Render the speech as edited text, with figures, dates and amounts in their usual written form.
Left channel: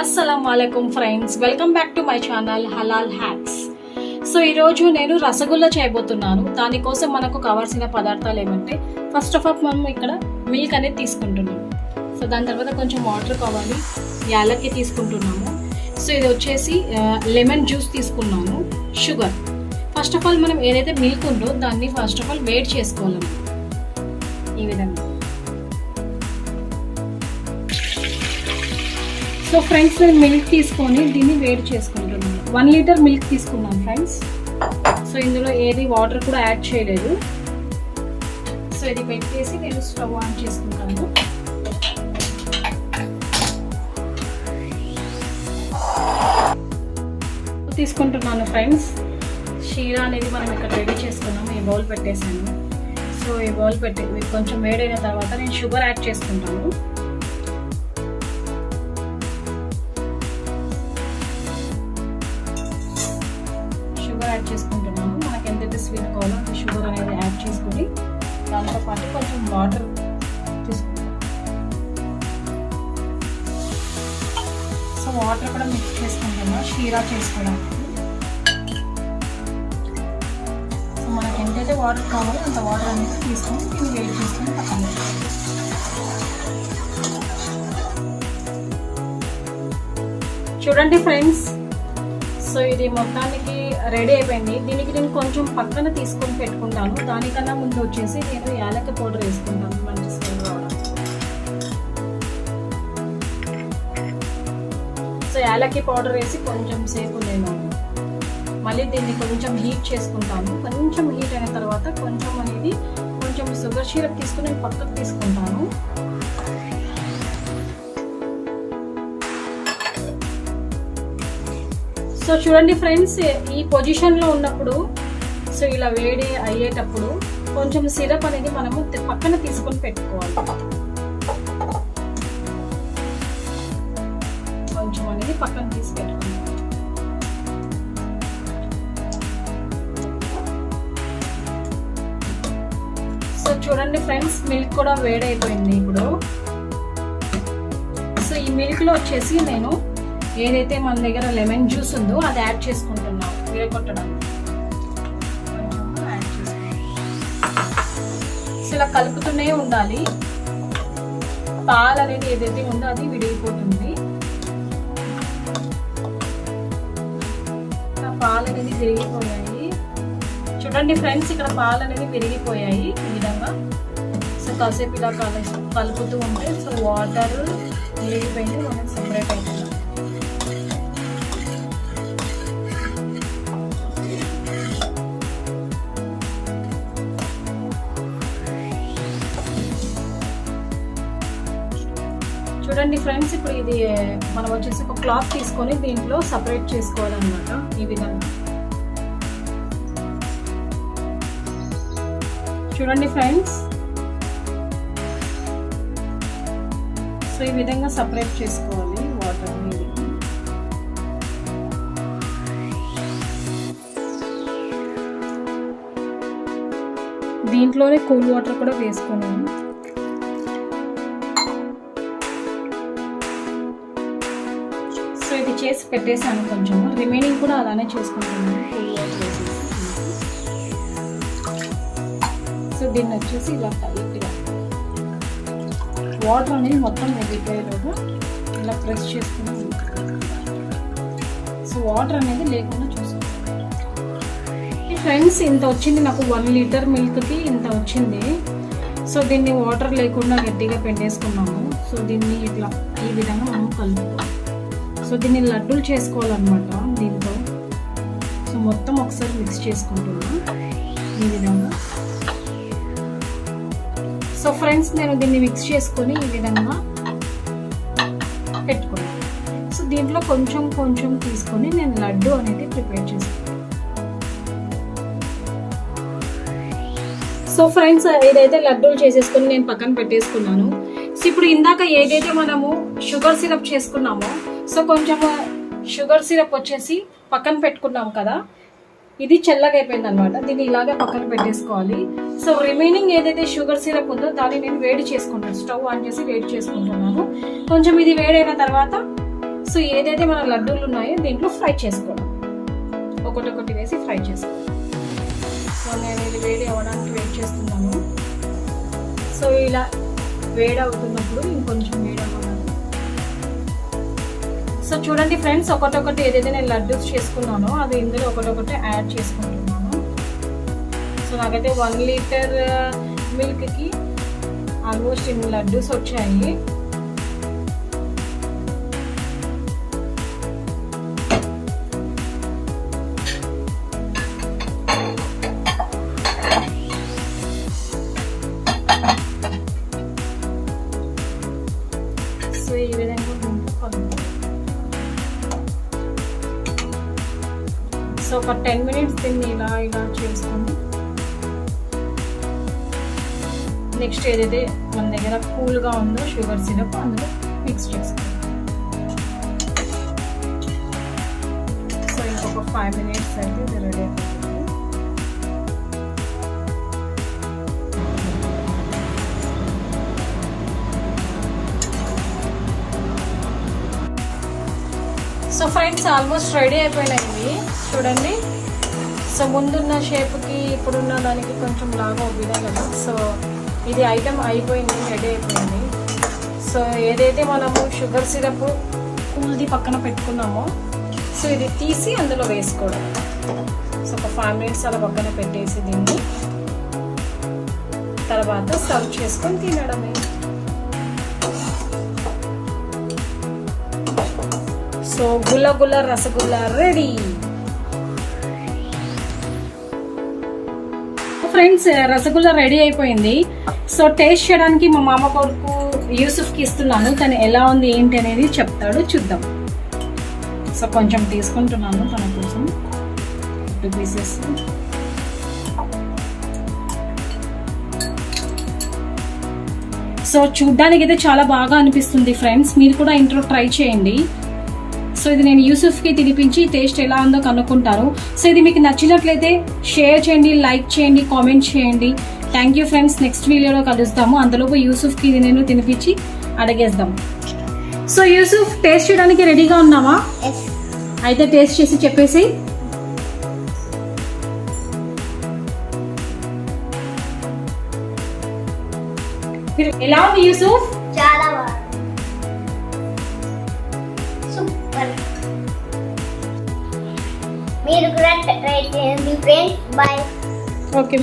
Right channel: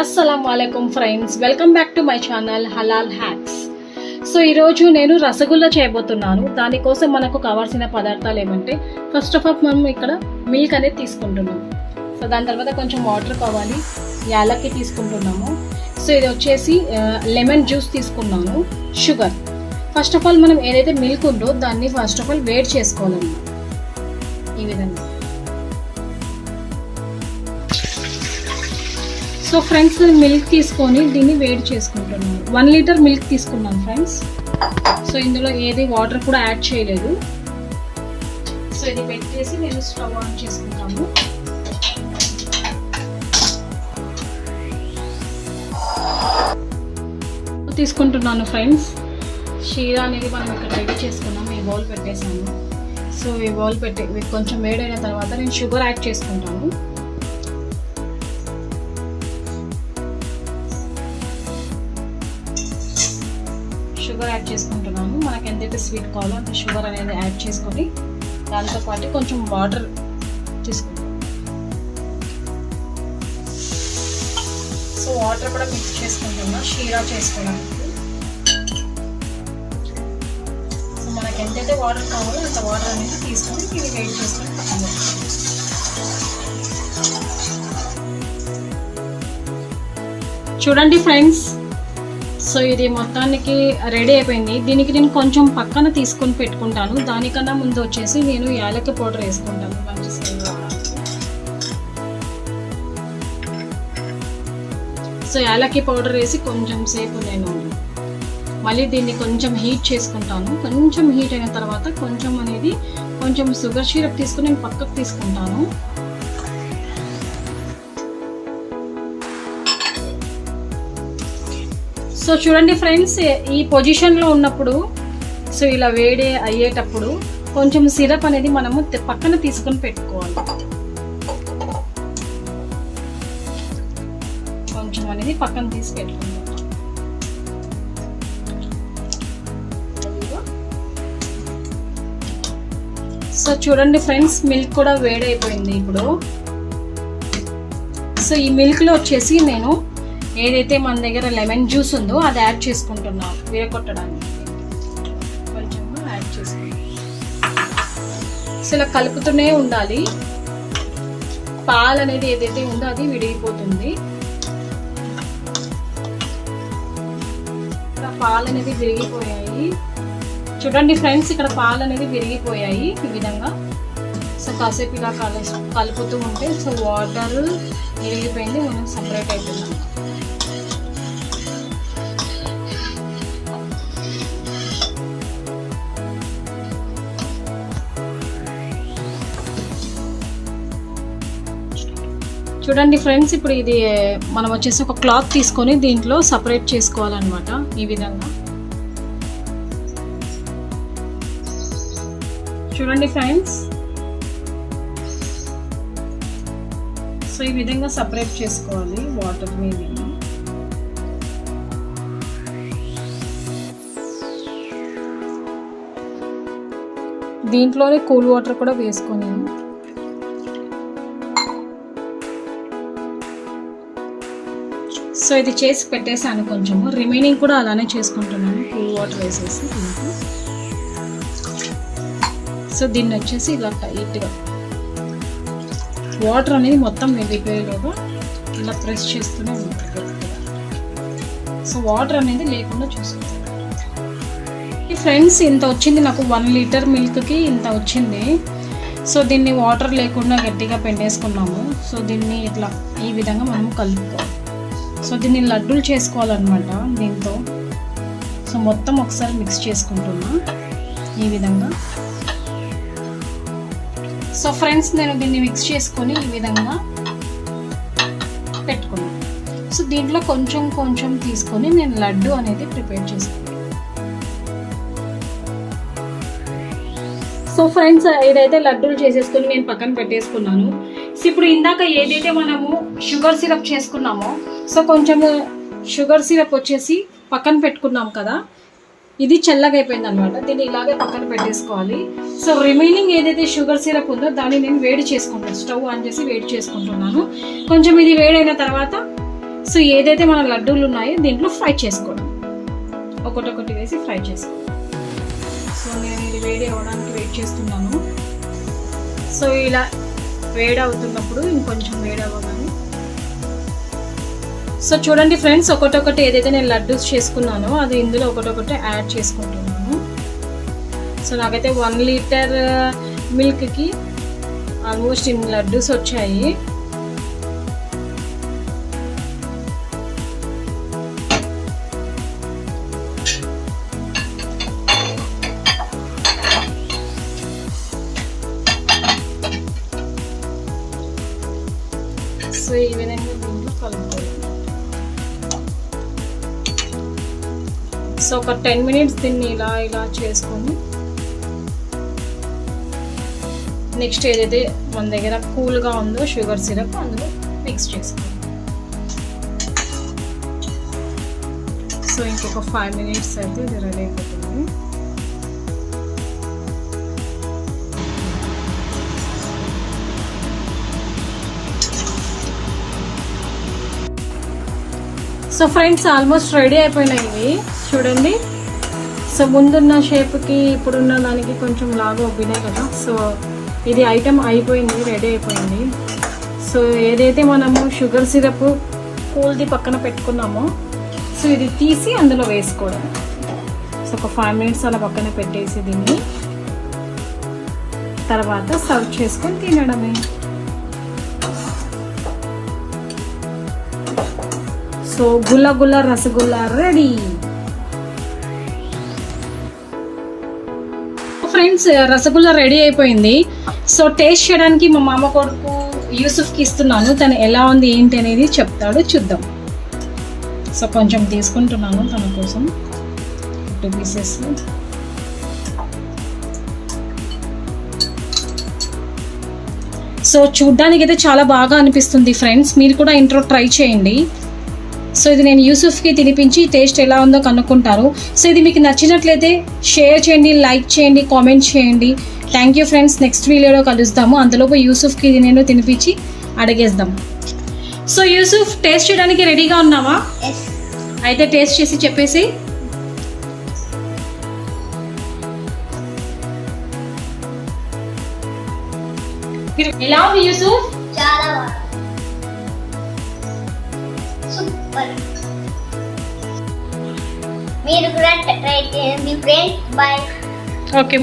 అస్సలాముఅలైకుం friends, welcome back to my channel Halal Hacks. So ఈరోజు నేను రసగుల్లా చేయబోతున్నాను. దానికోసం మనకు కావాల్సిన పదార్థాలు ఏమంటే, ఫస్ట్ ఆఫ్ ఆల్ మనం ఇక్కడ మిల్క్ అనేది తీసుకుంటున్నాము. సో దాని తర్వాత కొంచెం వాటర్ కావాలి, యాలక్కి తీసుకుంటున్నాము. సో ఇది వచ్చేసి లెమన్ జ్యూస్ తీసుకున్నాను, షుగర్. ఫస్ట్ ఆఫ్ ఆల్ మనం ఏదైతే మిల్క్ ఉందో దాన్ని ఫస్ట్ ఆఫ్ ఆల్ వేడి చేసుకోవాలి ఈ విధంగా. సో ఫ్రెండ్స్, నేను మిల్క్ తీసుకొని దీన్ని వేడి చేసుకుంటున్నాను. 1 లీటర్ మిల్క్ తీసుకున్నాను ఫ్రెండ్స్. సో ఇందులో ఏది వాటర్ కూడా యాడ్ చేయలేదు. సో ఇది పెట్టేసి నేను స్టవ్ ఆన్ చేసుకుంటాను. తీసుకుంటున్నాను ఫ్రెండ్స్. షీరా అనేది మనం ఇక్కడ రెడీ చేసుకున్నాము. ఈ బౌల్ పెట్టేసాను. సో ఈ బౌల్ పెట్టి కొంచెం వేడైన తర్వాత నేను షుగర్ యాడ్ చేసుకుంటాను. షుగర్ యాడ్ చేసుకుంటున్నాను. మనకు ఎంతైతే స్వీట్ కావాలో అంత షుగర్ అనేది యాడ్ చేసుకొని దాంతోపాటు కొంచెం వాటర్ తీసుకుంటాం. సో వాటర్ కూడా మిక్స్ చేసుకుంటాము షీరా చేసుకోవడానికి. సో మనకు ఎంతైతే వాటర్ కావాలో అంత వాటర్ అనేది తీసుకొని దీన్ని వెయిట్ చేసుకొని పక్కన పెట్టుకోవాలి. చూడండి ఫ్రెండ్స్, సో ఇది మొత్తానికి రెడీ అయిపోయింది. దీనికి నేను కొంచెం పక్కన తీసుకొని పెట్టుకుంటాను. దానికన్నా ముందు వచ్చేసి నేను యాలక్కి పౌడర్ వేసుకుంటాను. మంచి స్మెల్ రావడానికి. సో యాలక్కి పౌడర్ వేసి కొంచెం సేపు నేను మళ్ళీ దీన్ని కొంచెం హీట్ చేసుకుంటాను. కొంచెం హీట్ అయిన తర్వాత కొంచెం షుగర్ సిరప్ తీసుకుని నేను పక్కకు తీసుకుంటాను. సో చూడండి ఫ్రెండ్స్, ఈ పొజిషన్లో ఉన్నప్పుడు, సో ఇలా వేడి అయ్యేటప్పుడు కొంచెం సిరప్ అనేది మనము పక్కన తీసుకొని పెట్టుకోవాలి. కొంచెం అనేది పక్కన తీసి పెట్టుకోవాలి. సో చూడండి ఫ్రెండ్స్, మిల్క్ కూడా వేడి అయిపోయింది ఇప్పుడు. సో ఈ మిల్క్లో వచ్చేసి నేను ఏదైతే మన దగ్గర లెమన్ జ్యూస్ ఉందో అది యాడ్ చేసుకుంటున్నాను వేరగొట్టడానికి. కొంచెం యాడ్ చేసుకుంటాను. సో ఇలా కలుపుతూనే ఉండాలి. పాలు అనేది ఏదైతే ఉందో అది విడిగిపోతుంది. పాలు అనేది విరిగిపోయాయి. చూడండి ఫ్రెండ్స్, ఇక్కడ పాలు అనేది విరిగిపోయాయి ఈ విధంగా. సో కాసేపు ఇలా కలుపుతూ ఉంటే సో వాటర్ విరిగిపోయింది, మనకు సపరేట్ అవుతుంది. చూడండి ఫ్రెండ్స్, ఇప్పుడు ఇది మనం వచ్చేసి ఒక క్లాత్ తీసుకొని దీంట్లో సపరేట్ చేసుకోవాలన్నమాట ఈ విధంగా. చూడండి ఫ్రెండ్స్, సో ఈ విధంగా సపరేట్ చేసుకోవాలి వాటర్ మీద. దీంట్లోనే కూల్ వాటర్ కూడా వేసుకొని సో ఇది చేసి పెట్టేసాను. కొంచెము రిమైనింగ్ కూడా అలానే చేసుకుంటున్నాను కూల్ వాటర్ వేసేసి. సో దీన్ని వచ్చేసి ఇలా టైట్గా వాటర్ అనేది మొత్తం వెళ్ళిపోయేలోగా ఇలా ప్రెస్ చేస్తూనే ఉంటుంది. సో వాటర్ అనేది లేకుండా చూసుకుంటాను. ఫ్రెండ్స్, ఇంత వచ్చింది నాకు 1 లీటర్ మిల్క్కి ఇంత వచ్చింది. సో దీన్ని వాటర్ లేకుండా గట్టిగా పిండేసుకున్నాము. సో దీన్ని ఇట్లా ఈ విధంగా మనం కలుపుతాం. సో దీన్ని లడ్డూలు చేసుకోవాలన్నమాట దీంతో. సో మొత్తం ఒకసారి మిక్స్ చేసుకుంటున్నాను ఈ విధంగా. సో ఫ్రెండ్స్, నేను దీన్ని మిక్స్ చేసుకొని ఈ విధంగా పెట్టుకున్నాను. సో దీంట్లో కొంచెం తీసుకొని నేను లడ్డు అనేది ప్రిపేర్ చేసుకున్నాను. సో ఫ్రెండ్స్, ఏదైతే లడ్డూలు చేసేసుకొని నేను పక్కన పెట్టేసుకున్నాను. సో ఇప్పుడు ఇందాక ఏదైతే మనము షుగర్ సిరప్ చేసుకున్నామో, సో కొంచెం షుగర్ సిరప్ వచ్చేసి పక్కన పెట్టుకున్నాం కదా, ఇది చల్లగా అయిపోయింది అనమాట. దీన్ని ఇలాగే పక్కన పెట్టేసుకోవాలి. సో రిమైనింగ్ ఏదైతే షుగర్ సిరప్ ఉందో దాన్ని నేను వేడి చేసుకుంటాను. స్టవ్ ఆన్ చేసి వేడి చేసుకుంటున్నాను. కొంచెం ఇది వేడైన తర్వాత సో ఏదైతే మన లడ్డూలు ఉన్నాయో దీంట్లో ఫ్రై చేసుకోవడం, ఒకటొకటి వేసి ఫ్రై చేసుకోవడం. సో నేను ఇది వేడి అవ్వడానికి వెయిట్ చేస్తున్నాను. సో ఇలా వేడి అవుతున్నప్పుడు ఇంకొంచెం వేడి అవ్వాలి. సో చూడండి ఫ్రెండ్స్, ఒకటొకటి ఏదైతే నేను లడ్డూస్ చేసుకున్నానో అది ఇందులో ఒకటొకటి యాడ్ చేసుకుంటున్నాను. సో నాకైతే 1 లీటర్ మిల్క్కి ఆల్మోస్ట్ ఇన్ని లడ్డూస్ వచ్చాయి. సో ఈ విధంగా దీంట్లో కలుపుకోవాలి. సో ఒక 10 మినిట్స్ దీన్ని ఇలా ఇలా చేసుకొని నెక్స్ట్ ఏదైతే మన దగ్గర కూల్గా ఉందో షుగర్ సిరప్ అందులో మిక్స్ చేసుకోవాలి. సో ఇంకొక 5 మినిట్స్ అయితే ఇది రెడీ అయిపోతుంది. సో ఫ్రెండ్స్ ఆల్మోస్ట్ రెడీ అయిపోయినాయి చూడండి. సో ముందున్న షేప్కి ఇప్పుడున్న దానికి కొంచెం లాగా ఒప్పినాయి కదా. సో ఇది ఐటమ్ అయిపోయింది, రెడీ అయిపోయింది. సో ఏదైతే మనము షుగర్ సిరప్ కూల్ది పక్కన పెట్టుకున్నామో సో ఇది తీసి అందులో వేసుకోవడం. సో ఒక 5 మినిట్స్ అలా పక్కన పెట్టేసి దీన్ని తర్వాత సర్వ్ చేసుకొని తినడమే. సో గుల్ల గుల్ల rasgulla ready. Friends rasgulla ready అయిపోయింది. సో టేస్ట్ చేయడానికి మా మామ కొడుకు యూసుఫ్కి ఇస్తున్నాను. తను ఎలా ఉంది ఏంటి అనేది చెప్తాడు, చూద్దాం. సో కొంచెం తీసుకుంటున్నాను తన కోసం 2 పీసెస్. సో చూడ్డానికి అయితే చాలా బాగా అనిపిస్తుంది ఫ్రెండ్స్, మీరు కూడా ఇంట్లో ట్రై చేయండి. సో ఇది నేను యూసుఫ్కి తినిపించి టేస్ట్ ఎలా ఉందో కనుక్కుంటారు. సో ఇది మీకు నచ్చినట్లయితే షేర్ చేయండి, లైక్ చేయండి, కామెంట్ చేయండి. Thank you friends. నెక్స్ట్ వీడియోలో కలుస్తాము. అంతలోపు యూసుఫ్కి ఇది నేను తినిపించి అడిగేద్దాం. సో యూసుఫ్ టేస్ట్ చేయడానికి రెడీగా ఉన్నావా? అయితే టేస్ట్ చేసి చెప్పేసి. ఎలా ఉంది యూసుఫ్? చాలా బాగుంది, సూపర్. మీరు కూడా ట్రై చేయండి ఫ్రెండ్స్. బాయ్. ఓకే.